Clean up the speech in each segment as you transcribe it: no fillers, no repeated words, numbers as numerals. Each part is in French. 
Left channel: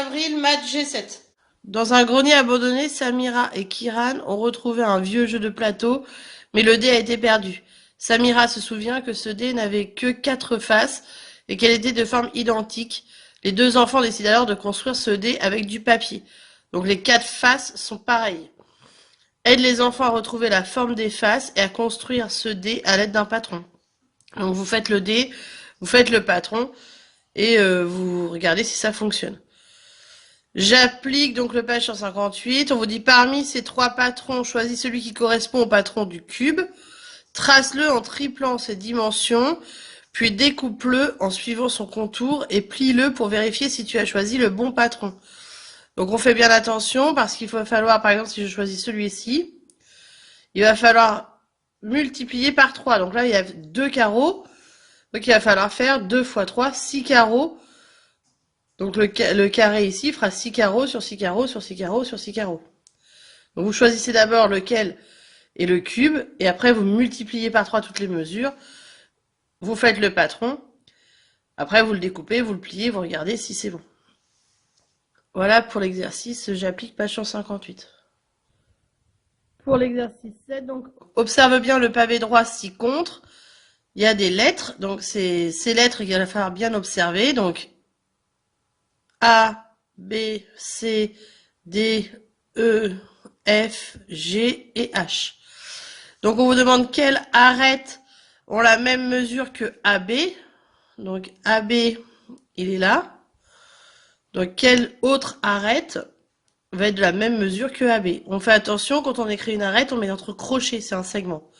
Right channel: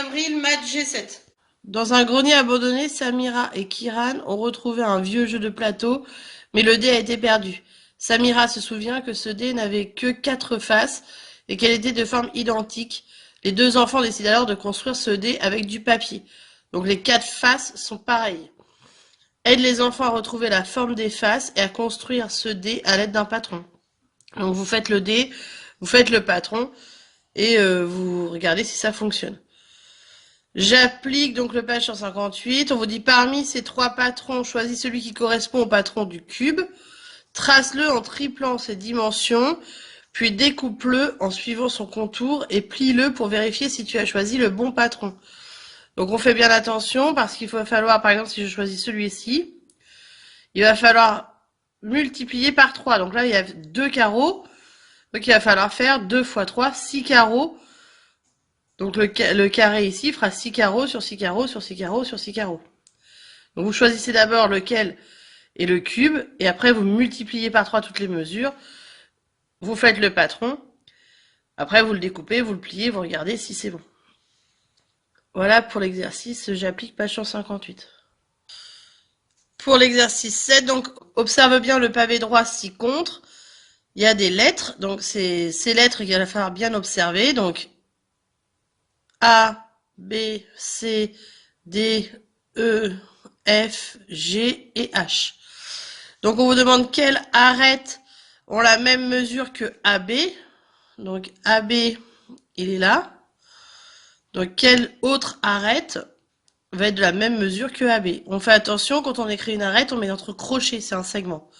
Avril, match G7. Dans un grenier abandonné, Samira et Kiran ont retrouvé un vieux jeu de plateau, mais le dé a été perdu. Samira se souvient que ce dé n'avait que 4 faces et qu'elle était de forme identique. Les deux enfants décident alors de construire ce dé avec du papier. Donc les 4 faces sont pareilles. Aide les enfants à retrouver la forme des faces et à construire ce dé à l'aide d'un patron. Donc vous faites le dé, vous faites le patron et vous regardez si ça fonctionne. J'applique donc le page 158. On vous dit parmi ces 3 patrons, choisis celui qui correspond au patron du cube. Trace-le en triplant ses dimensions, puis découpe-le en suivant son contour et plie-le pour vérifier si tu as choisi le bon patron. Donc on fait bien attention parce qu'il va falloir, par exemple, si je choisis celui-ci, il va falloir multiplier par 3. Donc là, il y a 2 carreaux. Donc il va falloir faire 2 fois 3, 6 carreaux. Donc le carré ici fera 6 carreaux sur 6 carreaux sur 6 carreaux sur 6 carreaux. Donc vous choisissez d'abord lequel est le cube, et après vous multipliez par 3 toutes les mesures, vous faites le patron, après vous le découpez, vous le pliez, vous regardez si c'est bon. Voilà pour l'exercice, j'applique page 158. Pour l'exercice 7, donc observe bien le pavé droit ci-contre, il y a des lettres, donc c'est ces lettres qu'il va falloir bien observer, donc A, B, C, D, E, F, G et H. Donc on vous demande quelles arêtes ont la même mesure que AB. Donc AB, il est là. Donc quelle autre arête va être de la même mesure que AB? On fait attention, quand on écrit une arête, on met entre crochets, c'est un segment.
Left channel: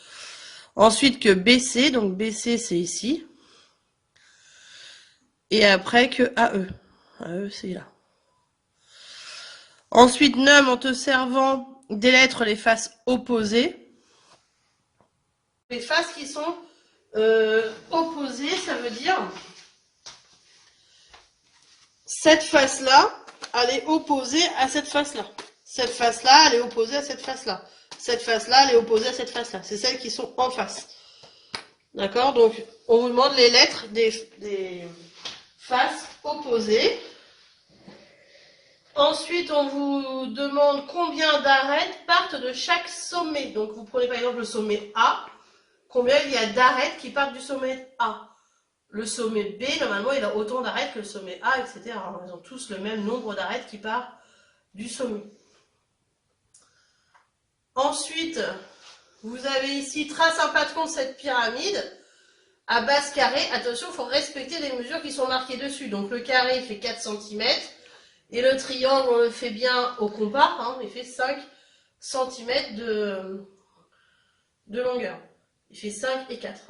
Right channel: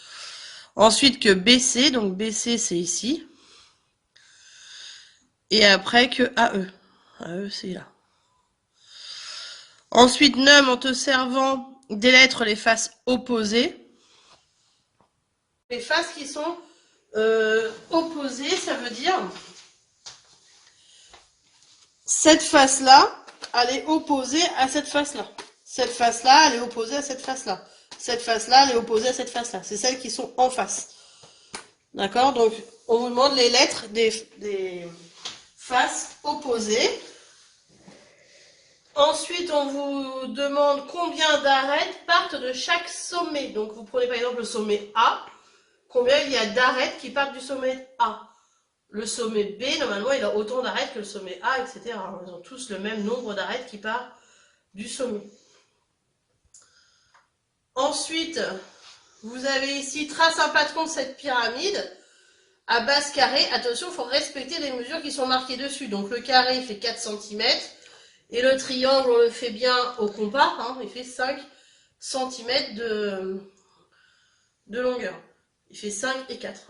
Ensuite que BC, donc BC c'est ici. Et après que AE. AE c'est là. Ensuite, nomme en te servant des lettres les faces opposées. Les faces qui sont opposées, ça veut dire cette face-là, elle est opposée à cette face-là. Cette face-là, elle est opposée à cette face-là. Cette face-là, elle est opposée à cette face-là. C'est celles qui sont en face. D'accord? Donc, on vous demande les lettres des faces opposées. Ensuite, on vous demande combien d'arêtes partent de chaque sommet. Donc, vous prenez par exemple le sommet A. Combien il y a d'arêtes qui partent du sommet A? Le sommet B, normalement, il a autant d'arêtes que le sommet A, etc. Ils ont tous le même nombre d'arêtes qui part du sommet. Ensuite, vous avez ici, trace un patron de cette pyramide à base carrée. Attention, il faut respecter les mesures qui sont marquées dessus. Donc le carré fait 4 cm et le triangle, on le fait bien au compas, hein, il fait 5 cm de longueur. Il fait 5 et 4.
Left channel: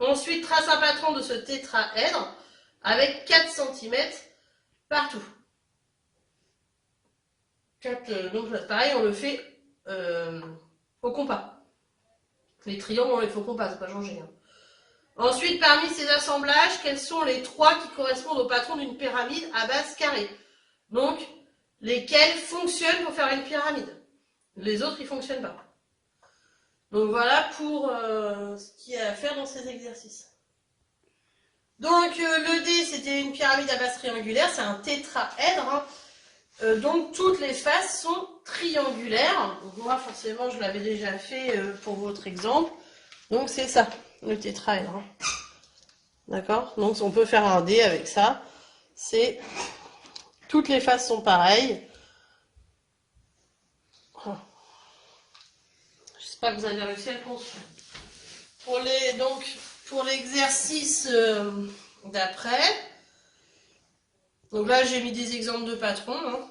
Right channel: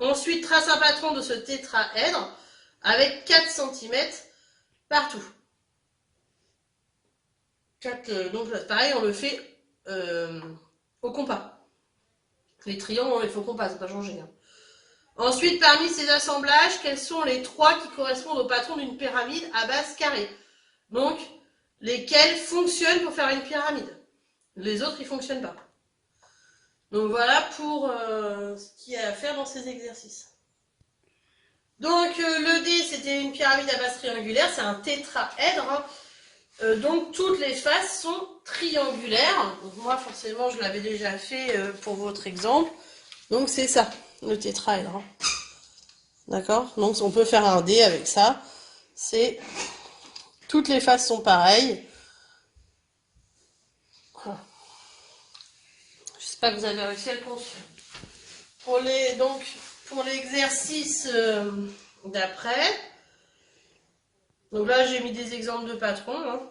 Ensuite, trace un patron de ce tétraèdre avec 4 cm partout. Donc pareil, on le fait au compas. Les triangles, on les fait au compas, ça n'a pas changé. Hein. Ensuite, parmi ces assemblages, quels sont les 3 qui correspondent au patron d'une pyramide à base carrée? Donc, lesquels fonctionnent pour faire une pyramide? Les autres, ils ne fonctionnent pas. Donc voilà pour ce qu'il y a à faire dans ces exercices. Donc le dé, c'était une pyramide à base triangulaire, c'est un tétraèdre. Hein. Donc toutes les faces sont triangulaires. Donc, moi, forcément, je l'avais déjà fait pour votre exemple. Donc c'est ça, le tétraèdre. Hein. D'accord? Donc on peut faire un dé avec ça. C'est toutes les faces sont pareilles. J'espère que vous avez réussi à le construire. Pour l'exercice d'après, donc là j'ai mis des exemples de patrons. Hein.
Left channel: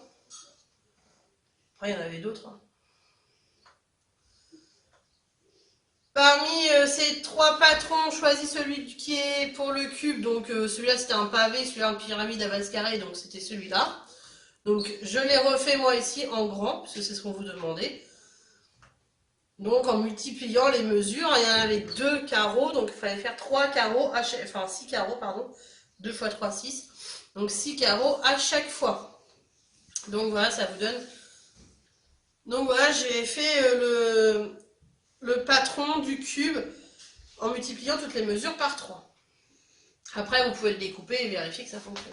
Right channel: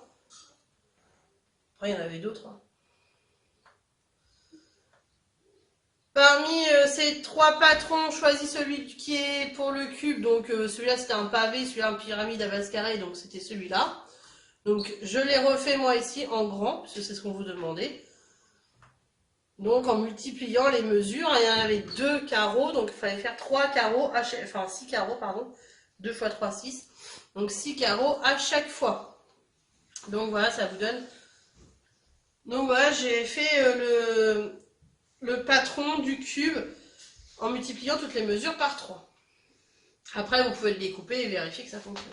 Après il y en avait d'autres. Hein. Parmi ces 3 patrons, choisis celui qui est pour le cube. Donc celui-là c'était un pavé, celui-là une pyramide à base carrée, donc c'était celui-là. Donc je l'ai refait moi ici en grand, parce que c'est ce qu'on vous demandait. Donc en multipliant les mesures, il y en avait 2 carreaux, donc il fallait faire 3 carreaux, enfin 6 carreaux, pardon. 2 fois 3, 6. Donc 6 carreaux à chaque fois. Donc voilà, ça vous donne. Donc voilà, j'ai fait le patron du cube en multipliant toutes les mesures par 3. Après, vous pouvez le découper et vérifier que ça fonctionne.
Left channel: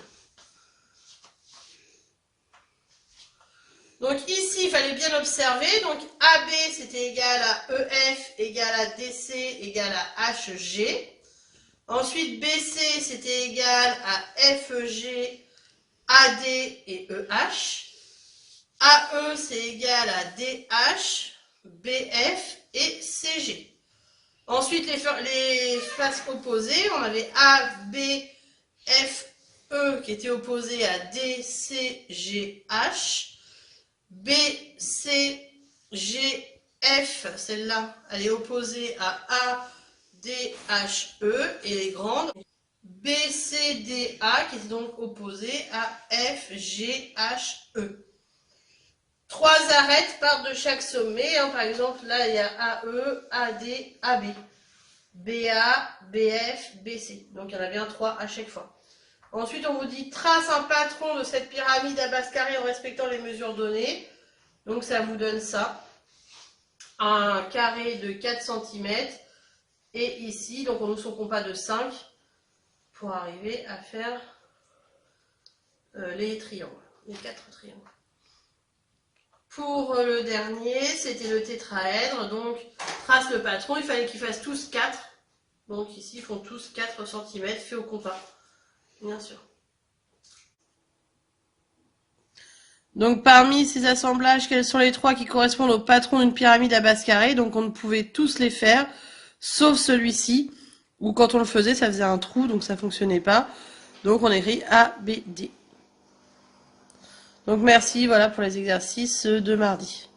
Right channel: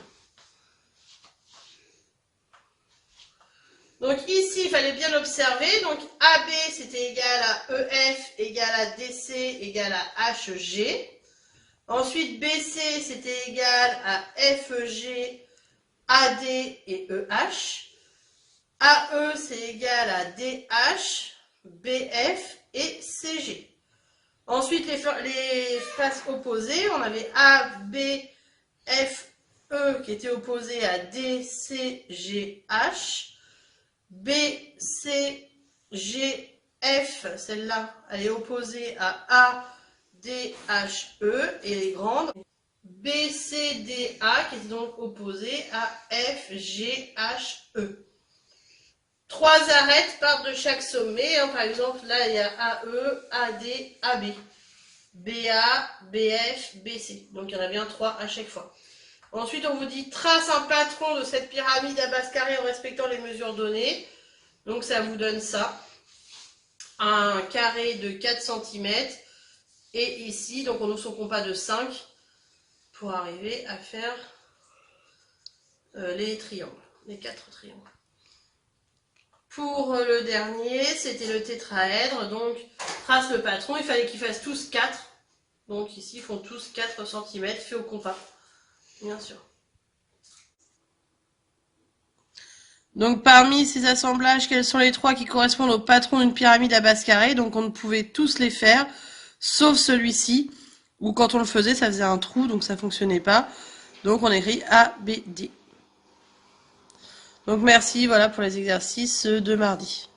Donc ici, il fallait bien observer. Donc AB, c'était égal à EF, égal à DC, égal à HG. Ensuite, BC, c'était égal à FEG, AD et EH. AE, c'est égal à DH, BF et CG. Ensuite, les faces opposées, on avait ABFE qui était opposé à DCGH. BCGF, celle-là, elle est opposée à ADHE et les grandes. BCDA qui est donc opposée à FGHE. Trois arêtes partent de chaque sommet. Par exemple, là, il y a AE, AD, AB. BA, BF, BC. Donc, il y en a bien 3 à chaque fois. Ensuite, on vous dit trace un patron de cette pyramide à base carrée en respectant les mesures données. Donc, ça vous donne ça. Un carré de 4 cm. Et ici, donc on ouvre son compas de 5 pour arriver à faire les triangles, les 4 triangles. Pour le dernier, c'était le tétraèdre. Donc, trace le patron. Il fallait qu'ils fassent tous 4. Donc ici, ils font tous 4 cm fait au compas. Bien sûr. Donc parmi ces assemblages, quels sont les 3 qui correspondent au patron d'une pyramide à base carrée? Donc on ne pouvait tous les faire, sauf celui-ci, où quand on le faisait, ça faisait un trou, donc ça ne fonctionnait pas. Donc on écrit A, B, D. Donc merci, voilà pour les exercices de mardi.